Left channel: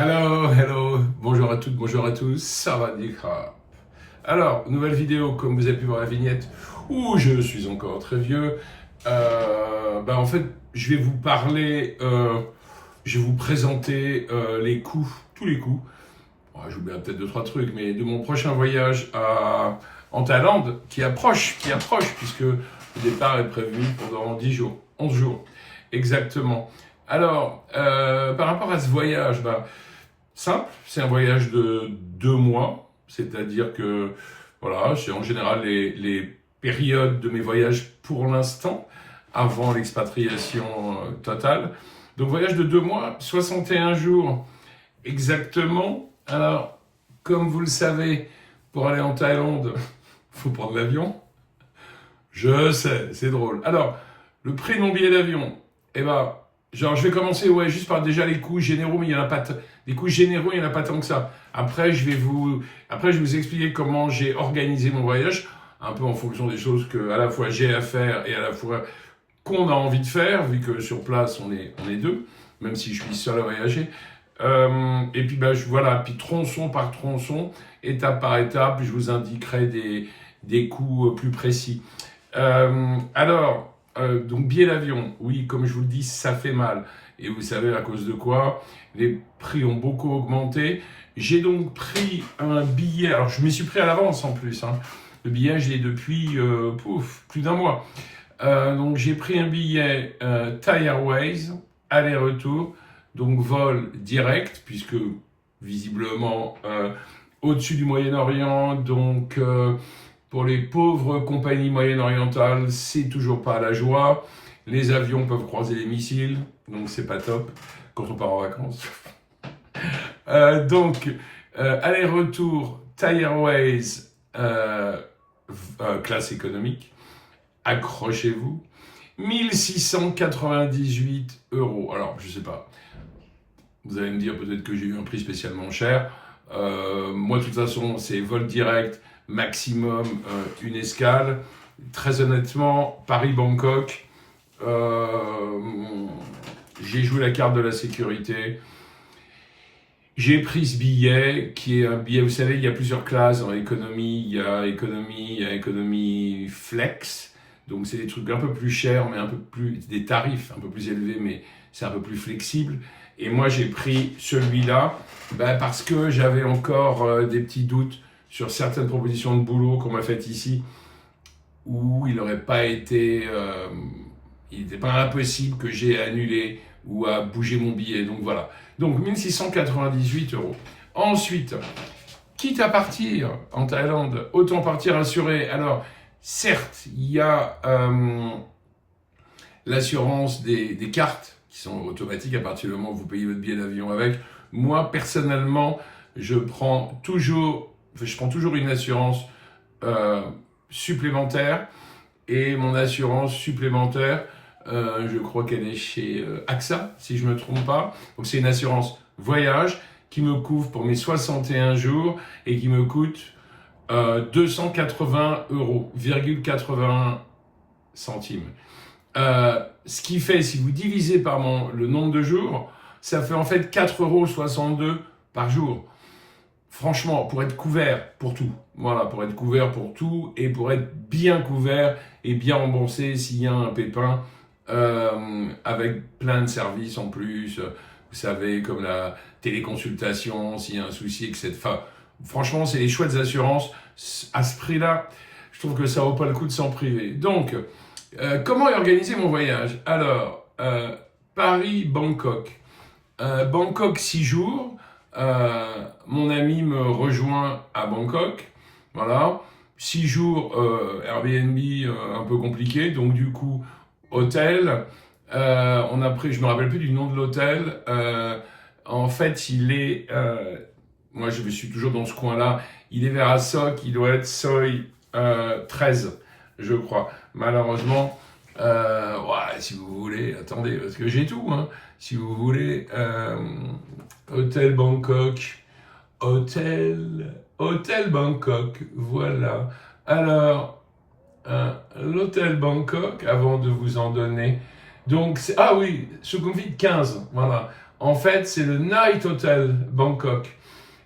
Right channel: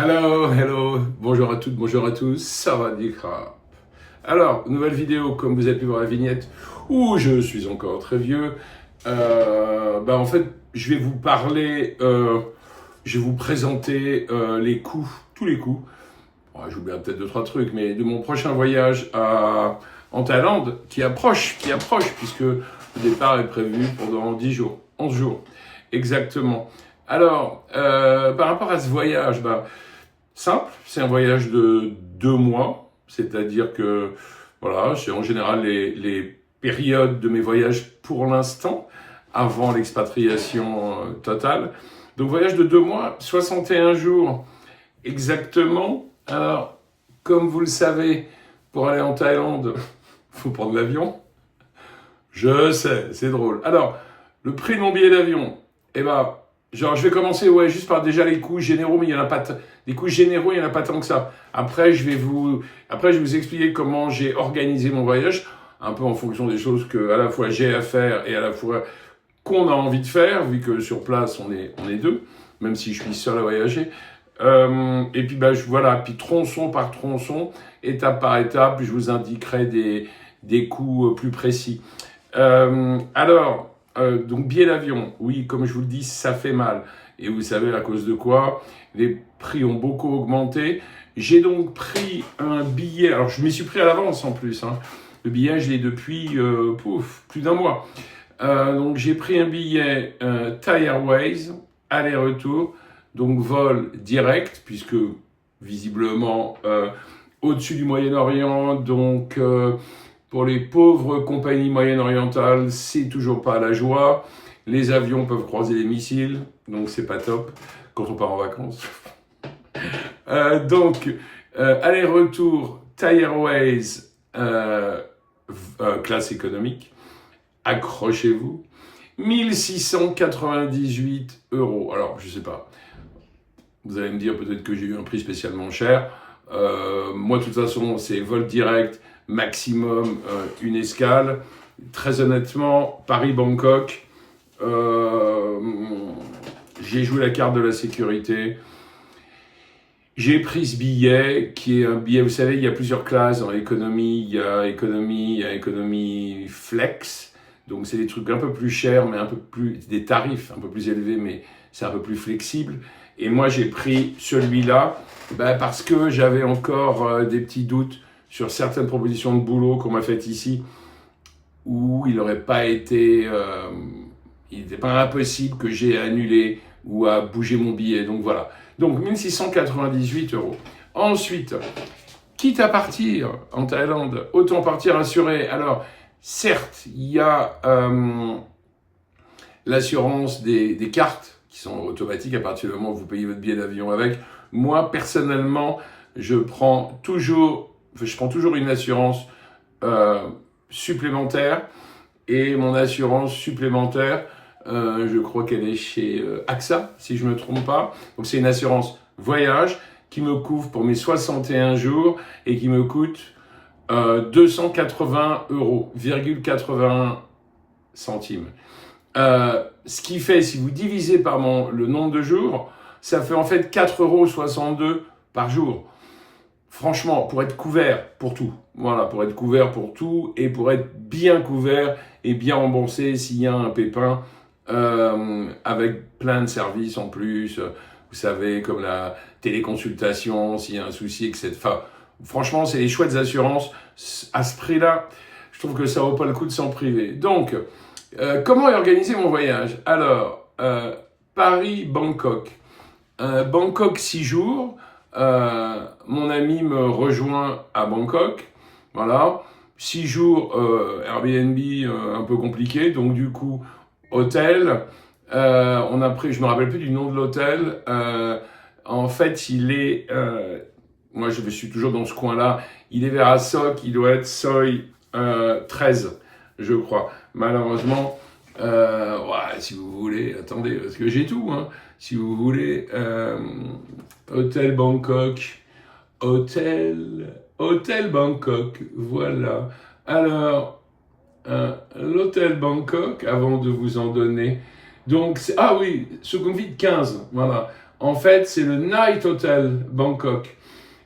Hello, hello, bonjour à toutes, bonjour à tous, ça va Dikra. Alors, nouvelle vidéo, comme vous avez pu voir la vignette, où je suis encore très vieux. En fait, je vais vous parler, je vais vous présenter les coûts, tous les coûts. Bon, j'oublierai peut-être 2-3 trucs, mais de mon prochain voyage en Thaïlande, qui approche, puisque le départ est prévu pendant 10 jours, 11 jours, exactement. Alors, par rapport à ce voyage, simple, c'est un voyage de 2 mois, c'est-à-dire que, voilà, c'est en général les périodes de mes voyages pour l'instant, avant l'expatriation totale. Donc voyage de 2 mois, 61 jours exactement. Alors, comme vous le savez, pour aller en Thaïlande, il faut prendre l'avion. Je sais, c'est drôle. Alors, le prix de mon billet d'avion, je vais commencer juste par déjà les coûts généraux, mais il y en a pas les coûts généraux, il n'y en a pas tant que ça. Après, je vais vous expliquer comment j'ai organisé mon voyage, un peu en fonction des choses que à la fois j'ai à faire et à la fois qu'on a envie de faire, vu que sur place on est deux, même si je suis seul à voyager. Et puis voilà, puis tronçon par tronçon, étape par étape, je vous indiquerai des coûts plus précis. Donc billet d'avion, oui, comme je vous le dis, ça fait mal. Et vous savez à cause de quoi? Les prix ont beaucoup augmenté. J'ai donc pris un billet, alors je m'y suis pris à l'avance en plus. Le billet, je l'ai depuis plus d'un mois. Donc j'ai pris un billet Thai Airways, aller-retour, donc vol direct, puisque visiblement au-dessus du Moyen-Orient, donc pour les pauvres compagnies moyen-orientales, c'est toujours pas la joie. Les avions peuvent croiser les missiles, donc c'est pas top quand on part en vacances. Aller-retour Thai Airways, classe économique, accrochez-vous, 1698 €. Alors, je sais pas, vous allez me dire peut-être que j'ai eu un prix spécialement cher. Moi, de toute façon, c'est vol direct, maximum une escale. Très honnêtement, Paris-Bangkok, j'ai joué la carte de la sécurité. J'ai pris ce billet, qui est un billet, vous savez, il y a plusieurs classes dans l'économie. Il y a économie flex. Donc c'est des trucs un peu plus chers, mais des tarifs un peu plus élevés, mais c'est un peu plus flexible. Et moi, j'ai pris celui-là parce que j'avais encore des petits doutes sur certaines propositions de boulot qu'on m'a faites ici, où il n'aurait pas été, il n'était pas impossible que j'ai annulé ou à bouger mon billet. Donc voilà. Donc 1698 €. Ensuite, quitte à partir en Thaïlande, autant partir assuré. Alors, certes, il y a l'assurance des cartes qui sont automatiques à partir du moment où vous payez votre billet d'avion avec. Moi, personnellement, je prends toujours une assurance supplémentaire. Et mon assurance supplémentaire, je crois qu'elle est chez AXA, si je ne me trompe pas. Donc c'est une assurance voyage qui me couvre pour mes 61 jours et qui me coûte 280 €, 81 centimes. Ce qui fait, si vous divisez par le nombre de jours, ça fait en fait 4,62 € par jour. Franchement, pour être couvert pour tout, voilà, pour être couvert pour tout et pour être bien couvert et bien remboursé s'il y a un pépin, avec plein de services en plus, vous savez, comme la téléconsultation, s'il y a un souci, etc. Enfin, franchement, c'est des chouettes assurances. À ce prix-là, je trouve que ça vaut pas le coup de s'en priver. Donc, comment est organisé mon voyage? Alors, Paris-Bangkok. Bangkok 6 jours. Mon ami me rejoint à Bangkok. Voilà. 6 jours Airbnb un peu compliqué. Donc, du coup, hôtel. On a pris, je me rappelle plus du nom de l'hôtel. En fait, moi je suis toujours dans ce coin-là. Il est vers Assok, il doit être Soi 13, je crois. Malheureusement, si vous voulez, attendez, parce que j'ai tout, si vous voulez, Hôtel Bangkok, Hôtel Bangkok, voilà. Alors, l'hôtel Bangkok, avant de vous en donner, donc, ah oui, Sukhumvit 15, voilà. En fait, c'est le Night Hotel Bangkok,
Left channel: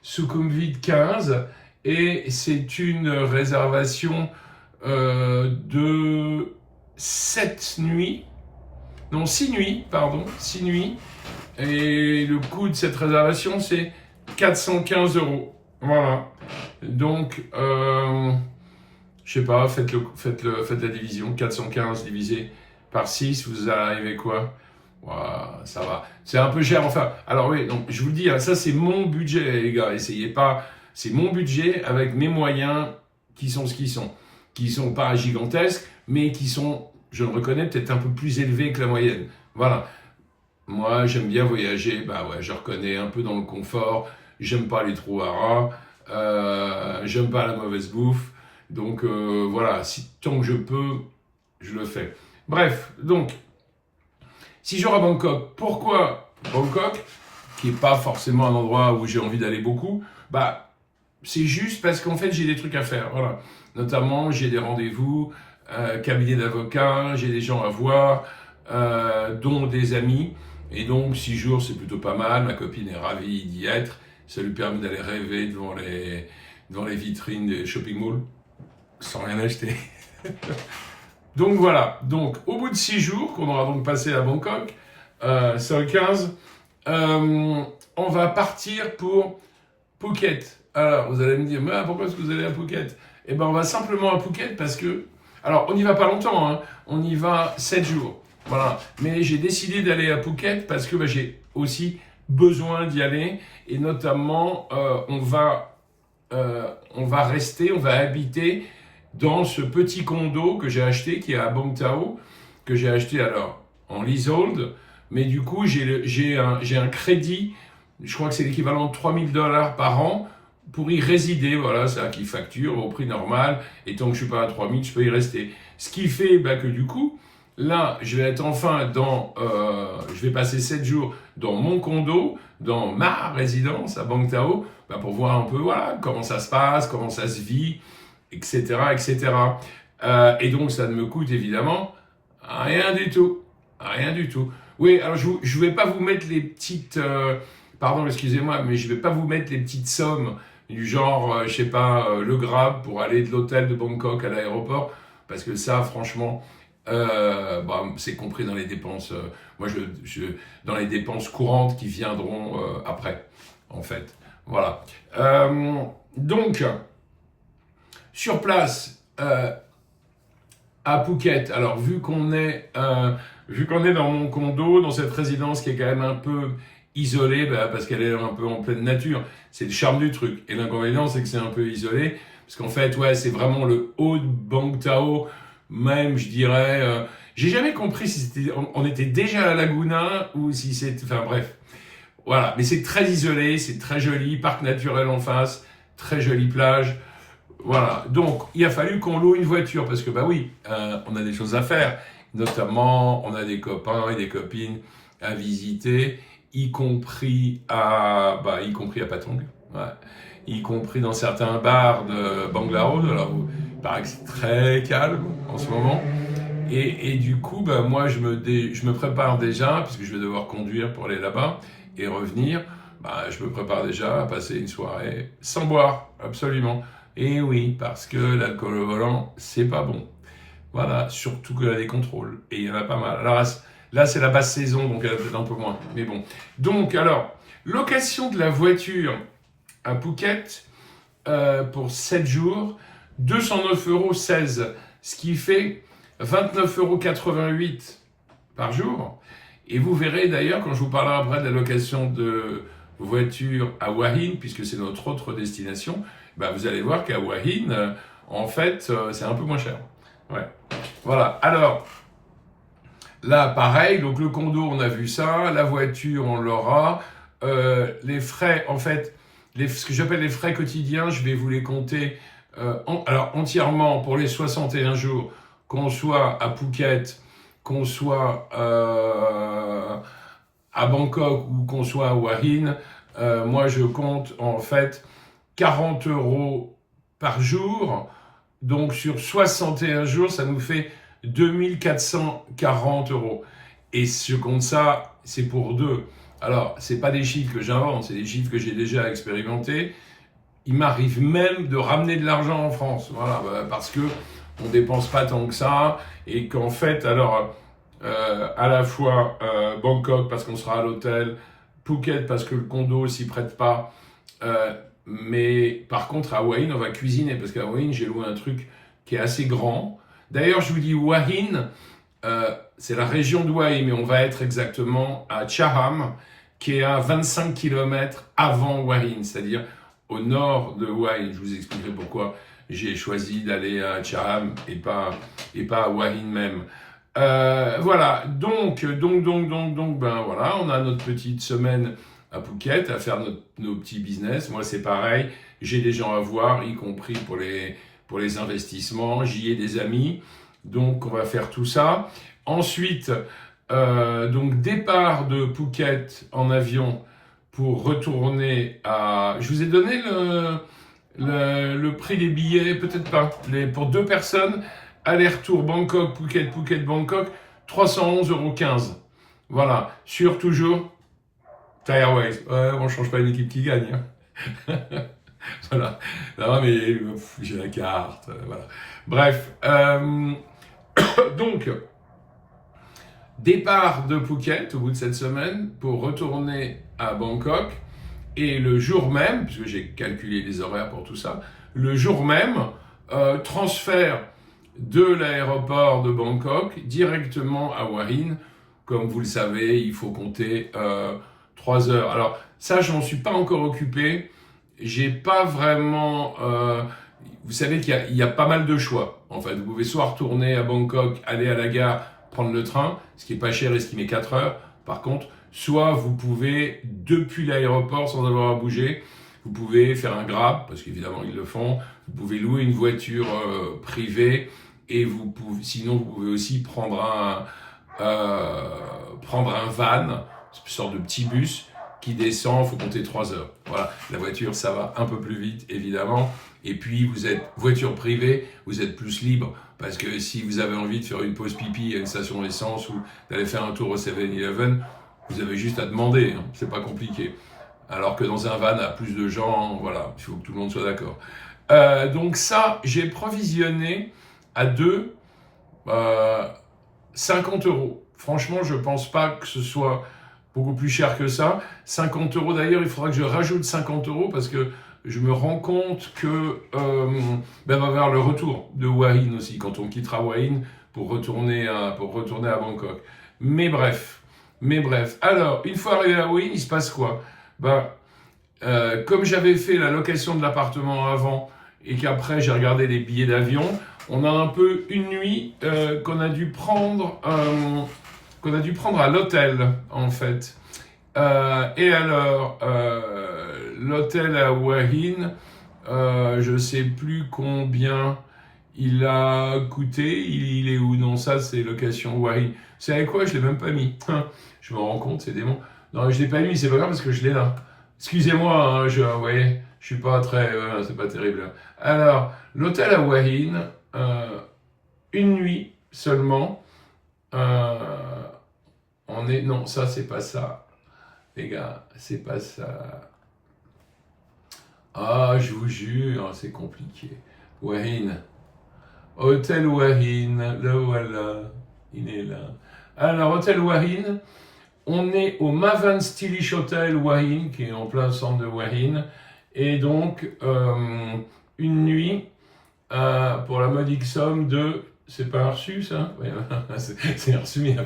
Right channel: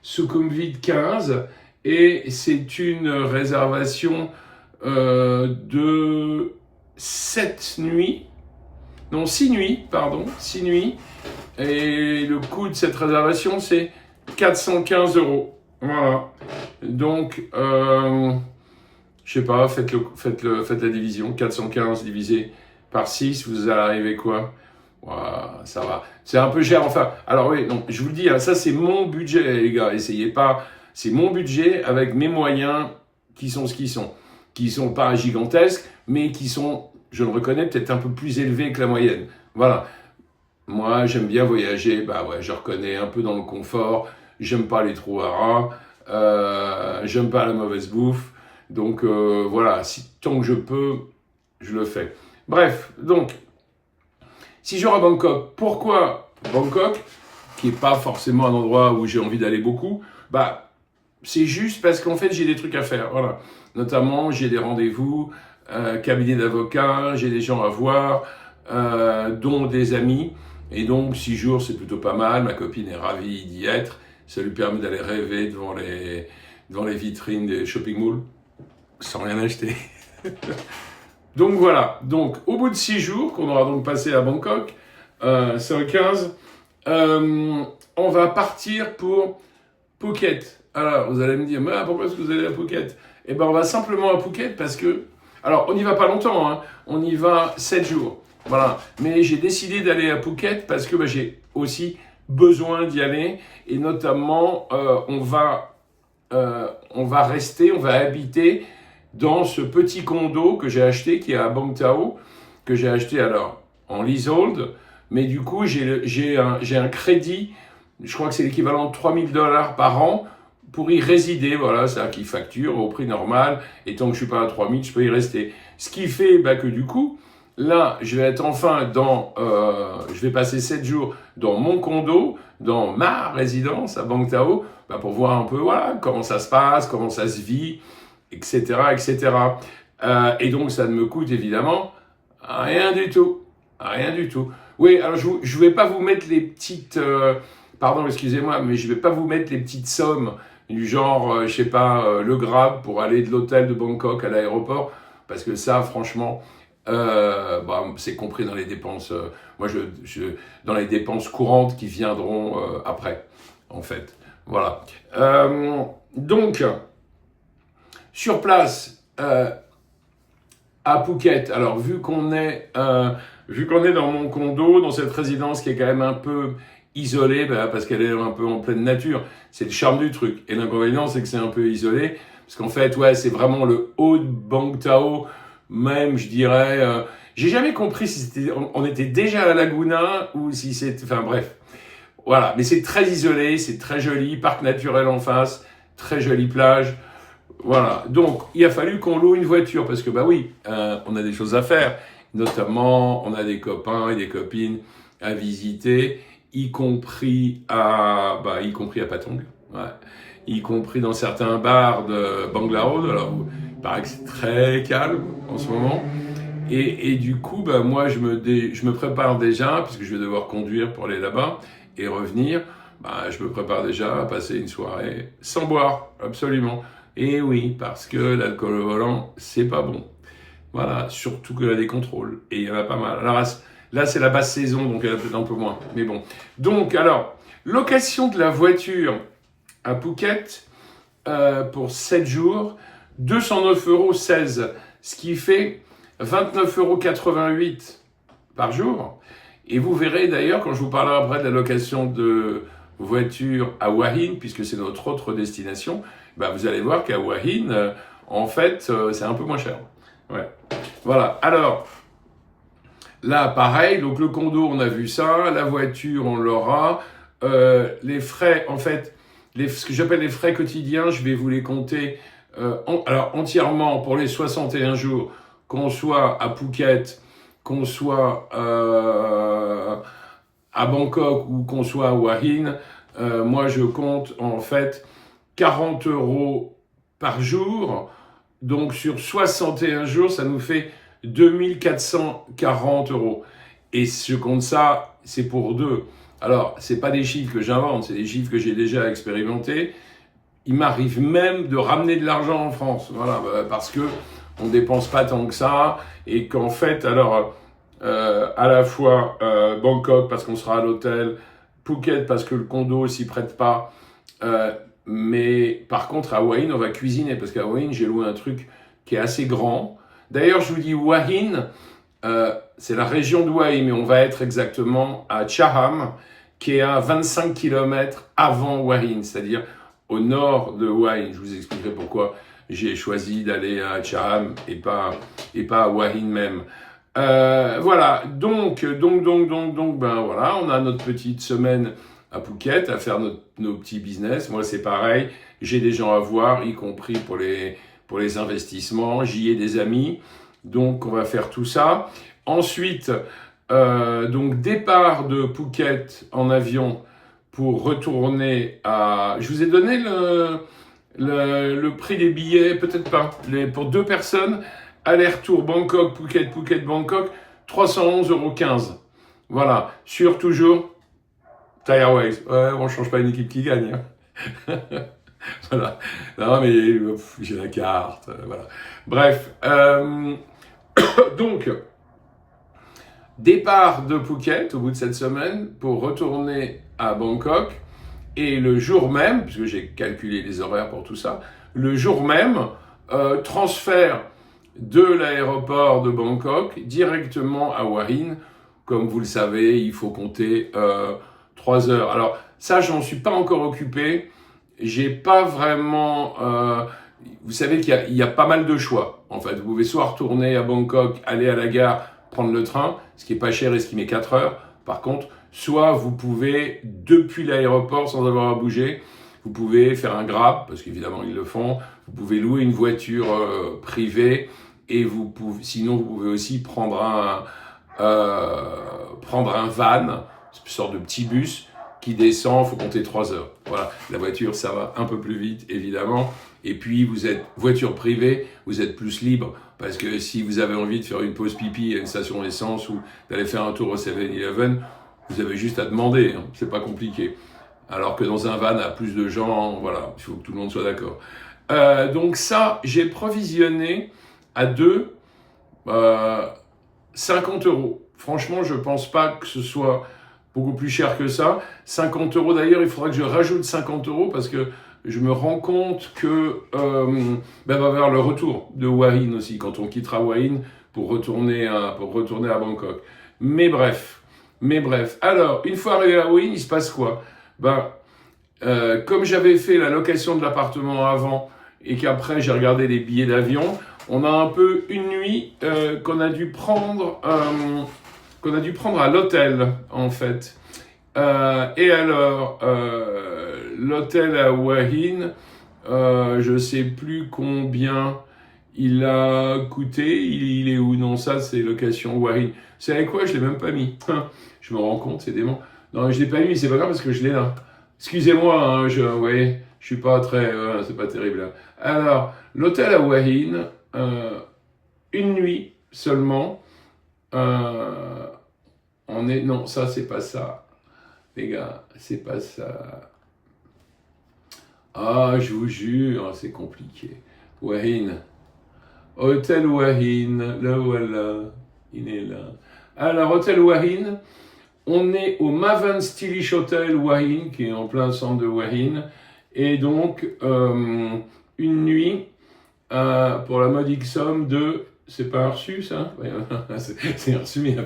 Sukhumvit 15, et c'est une réservation de 7 nuits, non 6 nuits, pardon, 6 nuits, et le coût de cette réservation, c'est 415 €. Voilà. Donc, je sais pas, faites la division. 415 divisé par 6, vous arrivez quoi? Voilà, ça va. C'est un peu cher, enfin. Alors oui, donc, je vous le dis, hein, ça c'est mon budget, les gars. Essayez pas. C'est mon budget avec mes moyens qui sont ce qu'ils sont. Qui sont pas gigantesques, mais qui sont, je le reconnais, peut-être un peu plus élevés que la moyenne. Voilà. Moi, j'aime bien voyager. Bah ouais, je reconnais un peu dans le confort. J'aime pas les trous à rats. J'aime pas la mauvaise bouffe. Donc voilà, tant que je peux, je le fais. Bref, donc, 6 jours à Bangkok. Pourquoi Bangkok, qui n'est pas forcément un endroit où j'ai envie d'aller beaucoup? Bah, c'est juste parce qu'en fait, j'ai des trucs à faire. Voilà. Notamment, j'ai des rendez-vous, cabinet d'avocats, j'ai des gens à voir, dont des amis. Et donc, 6 jours, c'est plutôt pas mal. Ma copine est ravie d'y être. Ça lui permet d'aller rêver devant les vitrines des shopping malls, sans rien acheter. Donc voilà, donc au bout de 6 jours, qu'on aura donc passé à Bangkok, c'est le 15, on va partir pour Phuket. Alors, vous allez me dire, mais pourquoi est-ce que vous allez à Phuket? Eh bien, on va simplement à Phuket parce que, alors, on n'y va pas longtemps, hein, on y va 7 jours. Voilà, mais j'ai décidé d'aller à Phuket parce que j'ai aussi besoin d'y aller, et notamment, on va rester, on va habiter dans ce petit condo que j'ai acheté, qui est à Bang Tao, que j'ai acheté alors en leasehold, mais du coup j'ai un crédit, je crois que c'est l'équivalent de 3 000 $ par an pour y résider, voilà, ça qui facture au prix normal, et tant que je suis pas à 3 000, je peux y rester. Ce qui fait que du coup, là, je vais être enfin je vais passer 7 jours dans mon condo, dans ma résidence à Bang Tao, pour voir un peu voilà, comment ça se passe, comment ça se vit, etc. etc. Et donc, ça ne me coûte évidemment rien du tout. Rien du tout. Oui, alors je ne vais pas vous mettre les petites... pardon, excusez-moi, mais je ne vais pas vous mettre les petites sommes du genre, je sais pas, le Grab pour aller de l'hôtel de Bangkok à l'aéroport, parce que ça, franchement... c'est compris dans les dépenses. Moi, dans les dépenses courantes qui viendront après, en fait. Voilà. Donc, sur place, à Phuket. Alors, vu qu'on est dans mon condo, dans cette résidence qui est quand même un peu isolée, parce qu'elle est un peu en pleine nature, c'est le charme du truc. Et l'inconvénient, c'est que c'est un peu isolé, parce qu'en fait, ouais, c'est vraiment le haut de Bang Tao. Même, je dirais, j'ai jamais compris si on était déjà à Laguna ou si c'était, enfin bref, voilà. Mais c'est très isolé, c'est très joli, parc naturel en face, très jolie plage, voilà. Donc, il a fallu qu'on loue une voiture parce que oui, on a des choses à faire, notamment, on a des copains et des copines à visiter, y compris à Patong, ouais. Y compris dans certains bars de Bangalore, alors il paraît que c'est très calme en ce moment. Et du coup, moi, je me prépare déjà, puisque je vais devoir conduire pour aller là-bas et revenir. Je me prépare déjà à passer une soirée sans boire, absolument. Et oui, parce que l'alcool au volant, c'est pas bon. Voilà, surtout qu'il y a des contrôles. Et il y en a pas mal. Alors là, c'est la basse saison, donc il y en a peut-être un peu moins. Mais bon. Donc, alors, location de la voiture à Phuket pour 7 jours, 209,16 €, ce qui fait 29,88 € par jour. Et vous verrez d'ailleurs, quand je vous parlerai après de la location de voiture à Hua Hin, puisque c'est notre autre destination, vous allez voir qu'à Hua Hin, en fait, c'est un peu moins cher. Ouais. Voilà. Alors, là, pareil, donc le condo, on a vu ça, la voiture, on l'aura. Les frais, en fait, ce que j'appelle les frais quotidiens, je vais vous les compter entièrement pour les 61 jours, qu'on soit à Phuket, qu'on soit à Bangkok ou qu'on soit à Hua Hin. Moi, je compte en fait 40 € par jour. Donc, sur 61 jours, ça nous fait 2440 €. Et je compte ça, c'est pour deux. Alors, c'est pas des chiffres que j'invente, c'est des chiffres que j'ai déjà expérimentés. Il m'arrive même de ramener de l'argent en France, voilà, parce que on dépense pas tant que ça, et qu'en fait, alors, à la fois Bangkok parce qu'on sera à l'hôtel, Phuket parce que le condo s'y prête pas, mais par contre à Hua Hin on va cuisiner, parce qu'à Hua Hin j'ai loué un truc qui est assez grand. D'ailleurs, je vous dis Hua Hin, c'est la région de Hua Hin, mais on va être exactement à Chaham, qui est à 25 km avant Hua Hin, c'est-à-dire au nord de Hua Hin. Je vous expliquerai pourquoi j'ai choisi d'aller à Chaham et pas à Hua Hin même. Voilà, donc, ben voilà, on a notre petite semaine à Phuket à faire nos petits business. Moi, c'est pareil, j'ai des gens à voir, y compris pour les investissements. J'y ai des amis, donc on va faire tout ça. Ensuite, donc départ de Phuket en avion pour retourner à... Je vous ai donné le prix des billets, peut-être pas, pour 2 personnes, aller-retour Bangkok, Phuket, Phuket, Bangkok, 311,15 €. Voilà, sur toujours Thai Airways. Ouais, on ne change pas une équipe qui gagne. Hein. Voilà, non mais j'ai la carte, voilà. Bref, donc... Départ de Phuket au bout de cette semaine pour retourner à Bangkok, et le jour même, puisque j'ai calculé les horaires pour tout ça, le jour même, transfert de l'aéroport de Bangkok directement à Hua Hin. Comme vous le savez, il faut compter 3 heures. Alors ça, je n'en suis pas encore occupé. J'ai pas vraiment... vous savez qu'il y a pas mal de choix. En fait, vous pouvez soit retourner à Bangkok, aller à la gare, prendre le train, ce qui est pas cher et ce qui met 4 heures. Par contre, soit vous pouvez, depuis l'aéroport, sans avoir à bouger, vous pouvez faire un Grab, parce qu'évidemment ils le font, vous pouvez louer une voiture privée, et sinon vous pouvez aussi prendre un van, une sorte de petit bus qui descend, il faut compter 3 heures. Voilà, la voiture ça va un peu plus vite évidemment, et puis vous êtes voiture privée, vous êtes plus libre, parce que si vous avez envie de faire une pause pipi à une station d'essence ou d'aller faire un tour au 7-Eleven, vous avez juste à demander, hein, c'est pas compliqué. Alors que dans un van à plus de gens, voilà, il faut que tout le monde soit d'accord. Donc ça, j'ai provisionné à 2 50 €. Franchement, je pense pas que ce soit beaucoup plus cher que ça. 50 € d'ailleurs, il faudra que je rajoute 50 € parce que je me rends compte que va y avoir le retour de Hua Hin aussi, quand on quittera Hua Hin pour retourner à Bangkok. Mais bref. Alors, une fois arrivé à Hua Hin, il se passe quoi? Comme j'avais fait la location de l'appartement avant et qu'après j'ai regardé les billets d'avion, on a un peu une nuit qu'on a dû prendre à l'hôtel en fait. Et alors, l'hôtel à Hua Hin, je sais plus combien il a coûté. Il est où? Non, ça c'est location Hua Hin. Vous savez quoi? Je l'ai même pas mis. Je me rends compte, c'est dément. Non, je l'ai pas mis, c'est pas grave parce que je l'ai là. Excusez-moi, hein, vous voyez, je suis pas très... c'est pas terrible. Alors, l'hôtel à Hua Hin, une nuit seulement. Non, ça, c'est pas ça. Les gars, c'est pas ça. Ah, je vous jure, c'est compliqué. Hua Hin. Hôtel Hua Hin, le voilà. Il est là. Alors, hôtel Hua Hin. On est au Mavan Stylish Hotel Hua Hin, qui est en plein centre de Hua Hin. Et donc, une nuit, pour la modique somme de... C'est pas un reçu, ça? C'est un reçu, mais il n'y a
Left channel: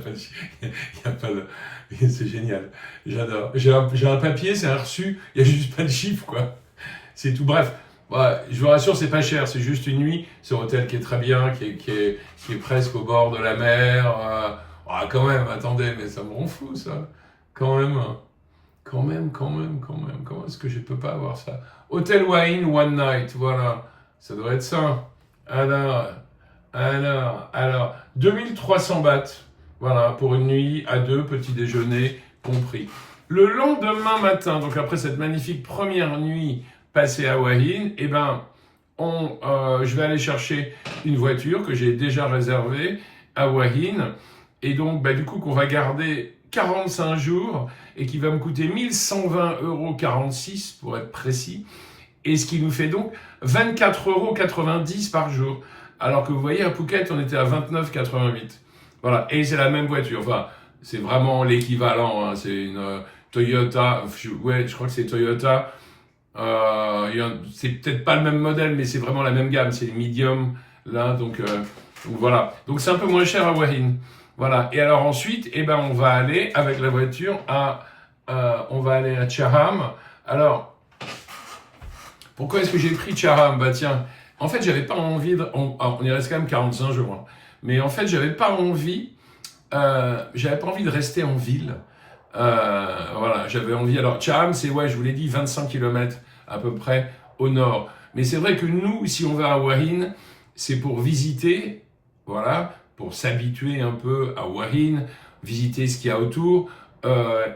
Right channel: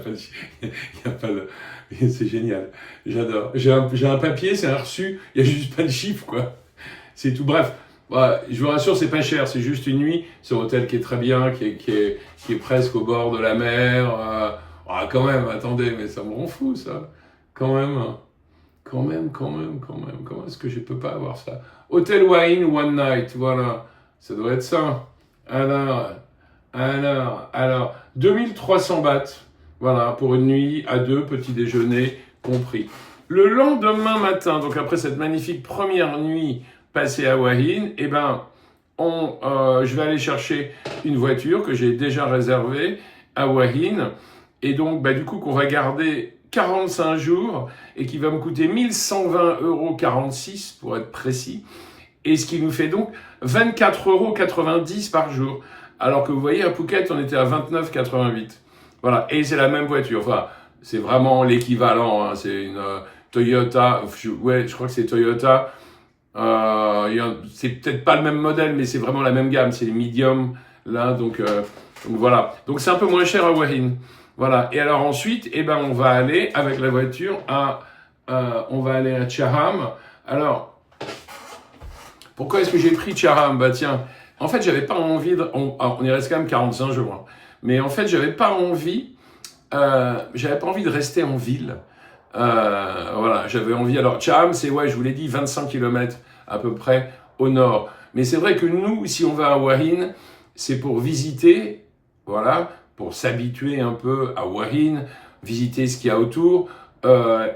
pas le... C'est génial. J'adore. J'ai un papier, c'est un reçu, il n'y a juste pas de chiffre, quoi. C'est tout. Bref, je vous rassure, c'est pas cher. C'est juste une nuit. C'est un hôtel qui est très bien, qui est presque au bord de la mer. Quand même, attendez, mais ça me rend fou, ça. Quand même. Comment est-ce que je peux pas avoir ça? Hôtel Hua Hin, One Night, voilà. Ça doit être ça. Alors, 2300 bahts. Voilà, pour une nuit à 2, petit déjeuner compris. Le lendemain matin, donc après cette magnifique première nuit passée à Hua Hin, je vais aller chercher une voiture que j'ai déjà réservée à Hua Hin. Et donc, du coup, qu'on va garder 45 jours et qui va me coûter 1120,46 € pour être précis. Et ce qui nous fait donc 24,90 € par jour. Alors que vous voyez, à Phuket, on était à 29,88 €. Voilà, et c'est la même voiture. Enfin, c'est vraiment l'équivalent. Hein. C'est une Toyota. Ouais, je crois que c'est Toyota. C'est peut-être pas le même modèle, mais c'est vraiment la même gamme. C'est les medium là, donc voilà. Donc c'est un peu moins cher à Hua Hin. Voilà. Et alors ensuite, eh ben, on va aller avec la voiture on va aller à Charam. Alors, pourquoi est-ce que j'ai pris Charam? Bah tiens, en fait, j'avais pas envie on y reste quand même 45 jours. Hein. Mais en fait, j'avais pas envie de rester en ville. Voilà, j'avais envie. Alors, Charam, c'est, ouais, je vous l'ai dit, 25 km à peu près au nord. Mais c'est vrai que nous, si on va à Hua Hin, c'est pour visiter, voilà, pour s'habituer un peu à Hua Hin, visiter ce qu'il y a autour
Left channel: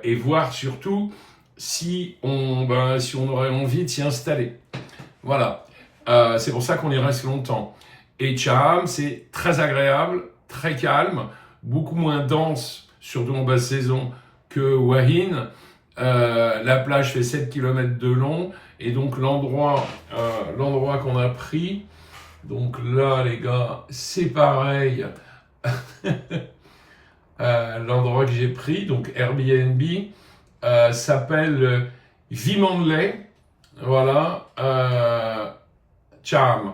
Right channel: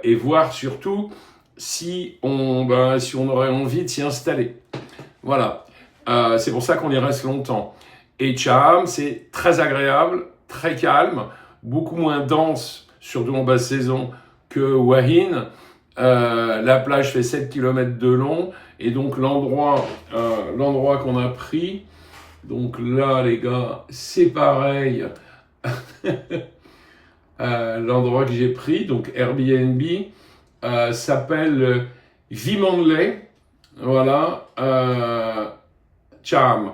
et voir surtout si on aurait envie de s'y installer. Voilà, c'est pour ça qu'on y reste longtemps. Et Charam, c'est très agréable, très calme, beaucoup moins dense, surtout en basse saison, que Hua Hin. La plage fait 7 km de long, et donc l'endroit qu'on a pris, donc là les gars, c'est pareil, l'endroit que j'ai pris, donc Airbnb, s'appelle Vimandlay, voilà, Charam,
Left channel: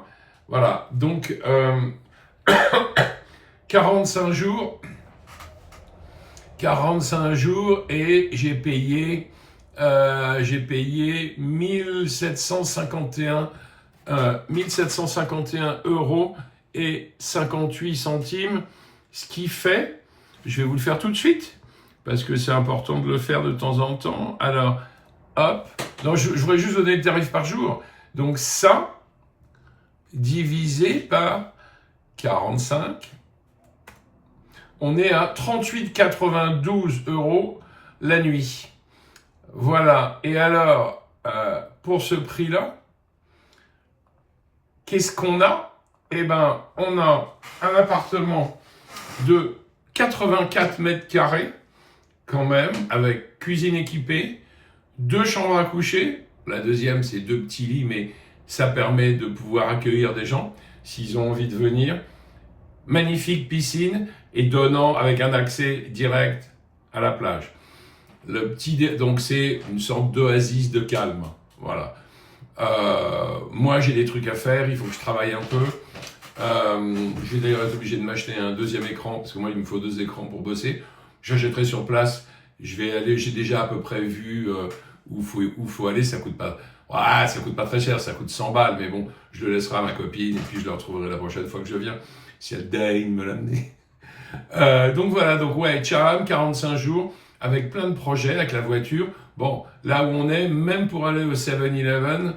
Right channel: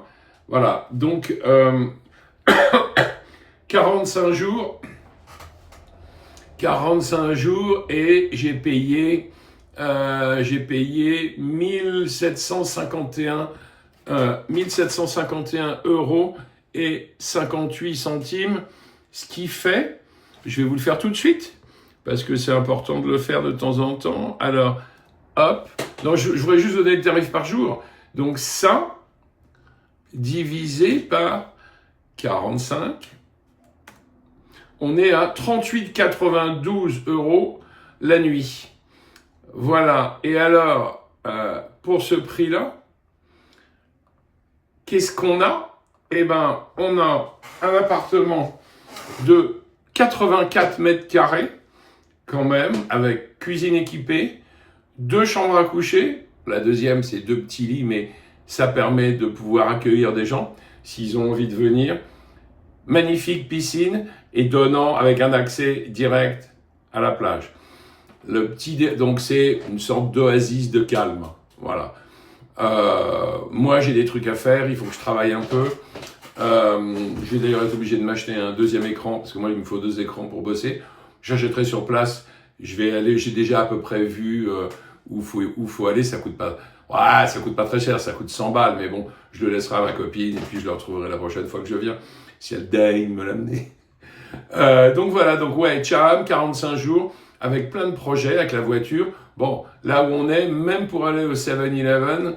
voilà, donc 45 jours, et j'ai payé 1751 € et 58 centimes, ce qui fait, je vais vous le faire tout de suite, parce que c'est important de le faire de temps en temps. Alors, hop, non, je voudrais juste donner le tarif par jour. Donc ça, divisé par 45, on est à 38,92 € la nuit. Voilà. Et alors, pour ce prix-là, qu'est-ce qu'on a? Eh ben, on a un appartement de 84 mètres carrés, quand même, avec cuisine équipée, 2 chambres à coucher. La deuxième, c'est 2 petits lits, mais ça permet de pouvoir accueillir des gens s'ils ont envie de venir. Magnifique piscine et donnant avec un accès direct à la plage. Donc c'est une sorte d'oasis de calme. Voilà. Moi j'ai des trucs à faire, il faut que je travaille un peu. Je vais d'ailleurs être obligé de m'acheter un deuxième écran parce que moi il me faut 2 écrans pour bosser. J'achèterai sur place. Je vais aller. J'ai déjà à peu près vu où faut aller. Ça coûte pas. Ouais, ça coûte pas très cher. Ça coûte 100 balles, mais bon, je le laisserai à ma copine et puis je le retrouverai la prochaine fois que je viens si elle daigne me l'amener. Donc voilà. Donc ouais, Charam, 45 jours avec plein de projets avec la voiture. Bon, là où on est, même pour aller au 7-Eleven,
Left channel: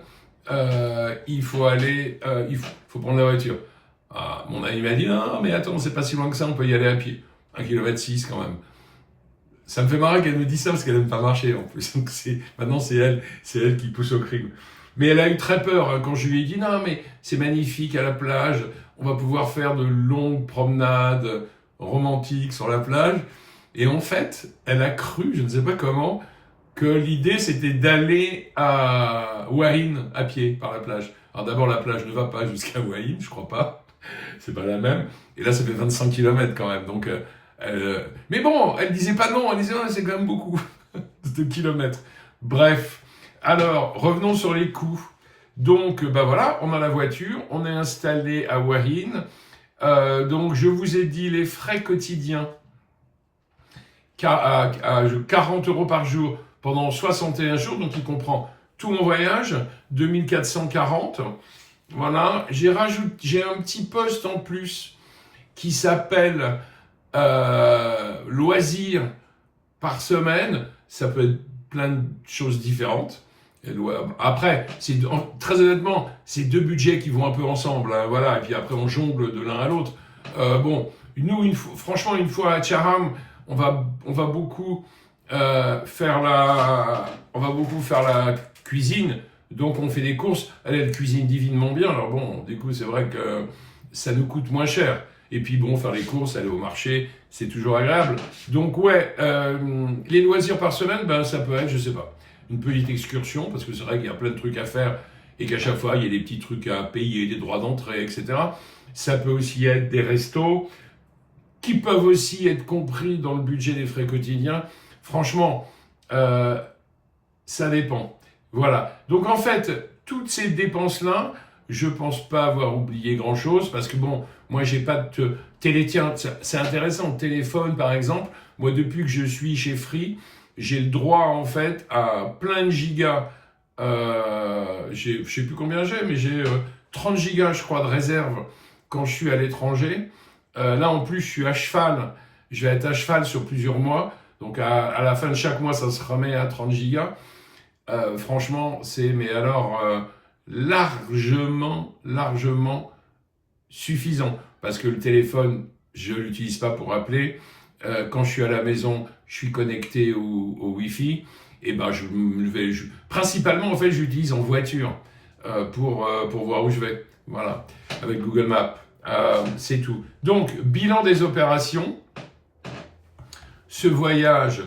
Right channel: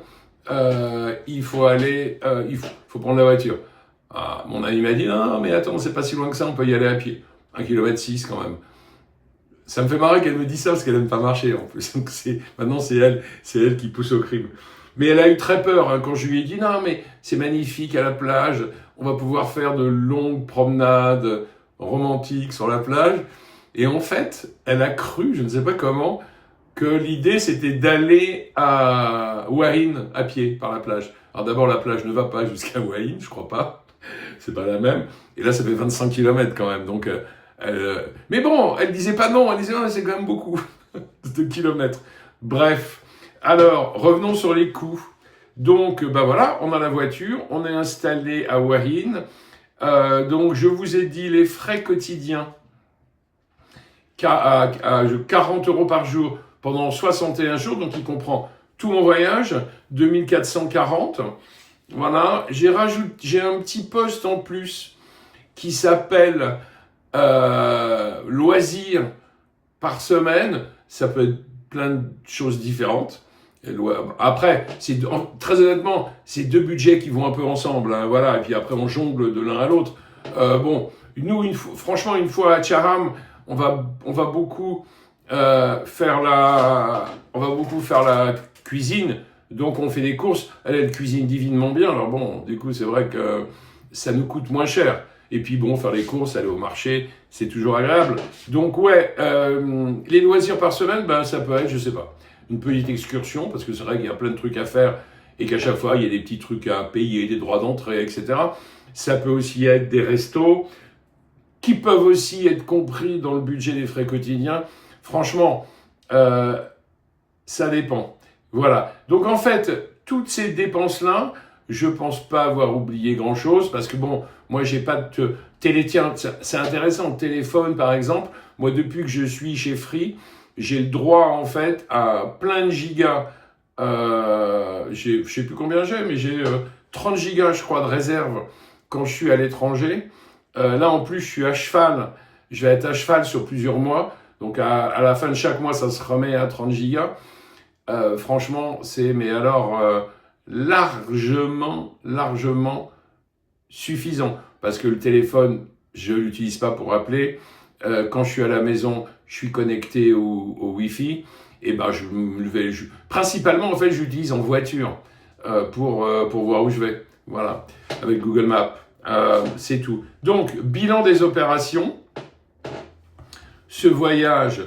il faut prendre la voiture. Ah, mon ami m'a dit, non, mais attends, c'est pas si loin que ça, on peut y aller à pied. 1,6 km quand même. Ça me fait marrer qu'elle me dise ça, parce qu'elle n'aime pas marcher en plus. Donc maintenant, c'est elle qui pousse au crime. Mais elle a eu très peur hein, quand je lui ai dit, non, mais c'est magnifique à la plage, on va pouvoir faire de longues promenades romantiques sur la plage. Et en fait, elle a cru, je ne sais pas comment, que l'idée c'était d'aller à Hua Hin à pied par la plage. Alors d'abord, la plage ne va pas jusqu'à Hua Hin, je crois pas. C'est pas la même. Et là, ça fait 25 km quand même. Donc, mais bon, elle disait pas non. Elle disait non, c'est quand même beaucoup de kilomètres. Bref. Alors, revenons sur les coûts. Donc, bah voilà, on a la voiture. On est installé à Hua Hin. Donc, je vous ai dit les frais quotidiens à 40 € par jour pendant 61 jours. Donc, il comprend tout mon voyage, 2440. Voilà, j'ai un petit poste en plus qui s'appelle loisirs par semaine. Ça peut être plein de choses différentes. Après, très honnêtement, c'est 2 budgets qui vont un peu ensemble. Hein, voilà, et puis après, on jongle de l'un à l'autre. Bon, nous, franchement, une fois à Charam, on va beaucoup faire la cuisine. Donc on fait des courses, elle cuisine divinement bien, alors bon, du coup c'est vrai que ça nous coûte moins cher. Et puis bon, faire les courses, aller au marché, c'est toujours agréable. Donc ouais, les loisirs par semaine, ben ça peut être, je sais pas, une petite excursion, parce que c'est vrai qu'il y a plein de trucs à faire et qu'à chaque fois, il y a des petits trucs à payer, des droits d'entrée, etc. Ça peut aussi être des restos qui peuvent aussi être compris dans le budget des frais quotidiens. Franchement, ça dépend. Voilà. Donc en fait, toutes ces dépenses-là, je pense pas avoir oublié grand-chose parce que bon, moi j'ai pas de télé. Tiens, c'est intéressant. Téléphone, par exemple. Moi, depuis que je suis chez Free, j'ai le droit en fait à plein de gigas. Je sais plus combien j'ai, mais j'ai 30 gigas, je crois, de réserve quand je suis à l'étranger. Là, en plus, je suis à cheval. Je vais être à cheval sur plusieurs mois. Donc, à la fin de chaque mois, ça se remet à 30 gigas. Franchement, c'est, mais alors, largement suffisant. Parce que le téléphone, je ne l'utilise pas pour appeler. Quand je suis à la maison, je suis connecté au Wi-Fi. Et ben, principalement, en fait, j'utilise en voiture pour voir où je vais. Voilà, avec Google Maps. C'est tout. Donc, bilan des opérations. Ce voyage,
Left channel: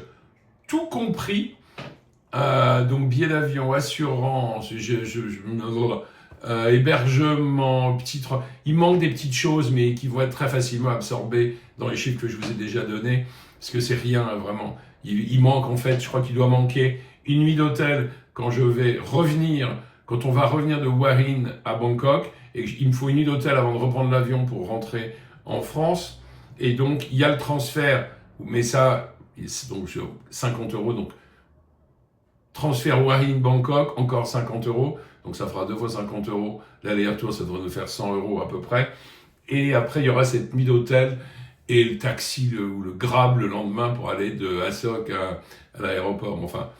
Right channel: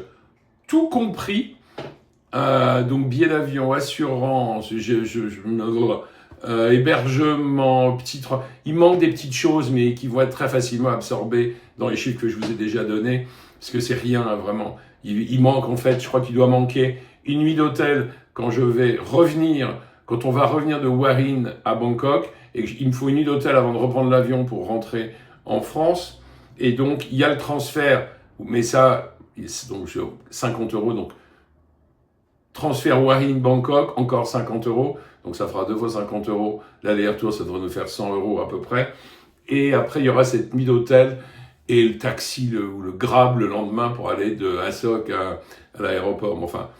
tout compris, donc billet d'avion, assurance, hébergement, il manque des petites choses, mais qui vont être très facilement absorbées dans les chiffres que je vous ai déjà donnés, parce que c'est rien, vraiment. Il manque, en fait, je crois qu'il doit manquer une nuit d'hôtel quand on va revenir de Huahin à Bangkok, et il me faut une nuit d'hôtel avant de reprendre l'avion pour rentrer en France. Et donc, il y a le transfert, mais ça, c'est donc sur 50 €, donc transfert Huahin-Bangkok, encore 50 €, donc ça fera 2 fois 50 €. L'aller-retour, ça devrait nous faire 100 € à peu près. Et après, il y aura cette nuit d'hôtel et le taxi ou le Grab le lendemain pour aller de Hassock à l'aéroport. Bon, enfin,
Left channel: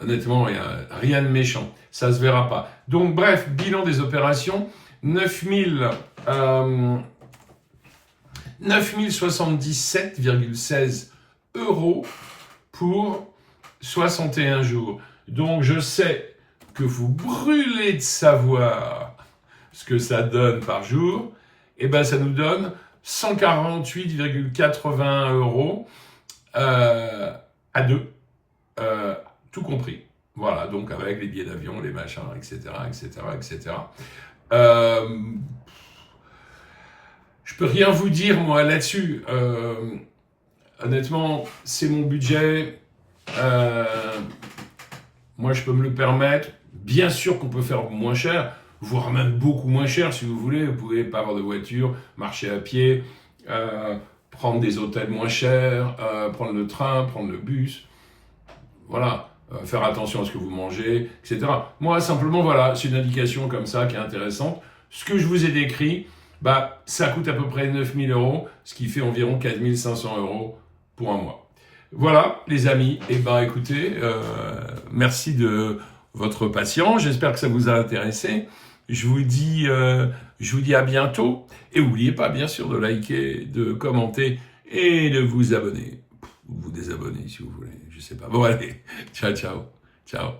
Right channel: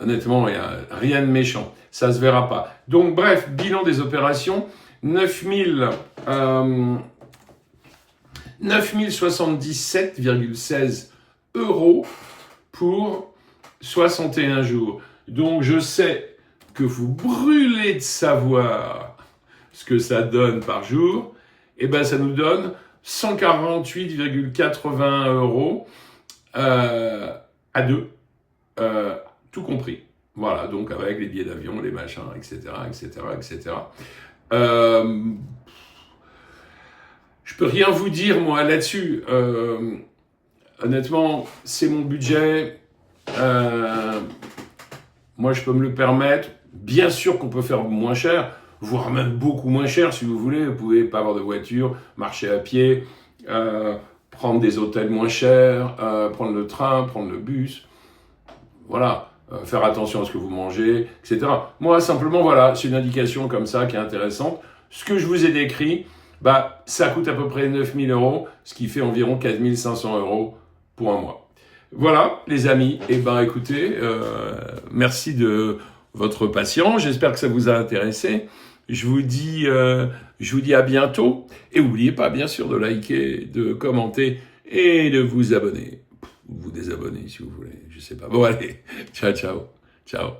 honnêtement, il n'y a rien de méchant. Ça ne se verra pas. Donc, bref, bilan des opérations, 9077,16 € pour 61 jours. Donc, je sais que vous brûlez de savoir ce que ça donne par jour. Eh bien, ça nous donne 148,80 € à deux, tout compris. Voilà, donc avec les billets d'avion, les machins, etc., etc., etc. Je peux rien vous dire, moi, là-dessus. Honnêtement, c'est mon budget. Moi, je peux me le permettre. Bien sûr qu'on peut faire moins cher, voire même beaucoup moins cher, si vous voulez. Vous pouvez pas avoir de voiture, marcher à pied, prendre des hôtels moins chers, prendre le train, prendre le bus. Voilà. Faire attention à ce que vous mangez, etc. Moi, simplement, voilà, c'est une indication comme ça qui est intéressante. Ce que je vous ai décrit, bah, ça coûte à peu près 9000 €, ce qui fait environ 4500 € pour un mois. Voilà, les amis. Eh ben, écoutez, merci de votre patience. J'espère que ça vous a intéressé. Je vous dis à bientôt. Et n'oubliez pas, bien sûr, de liker, de commenter et de vous abonner. Vous désabonner si vous voulez, je sais pas. Bon, allez, ciao, ciao, ciao.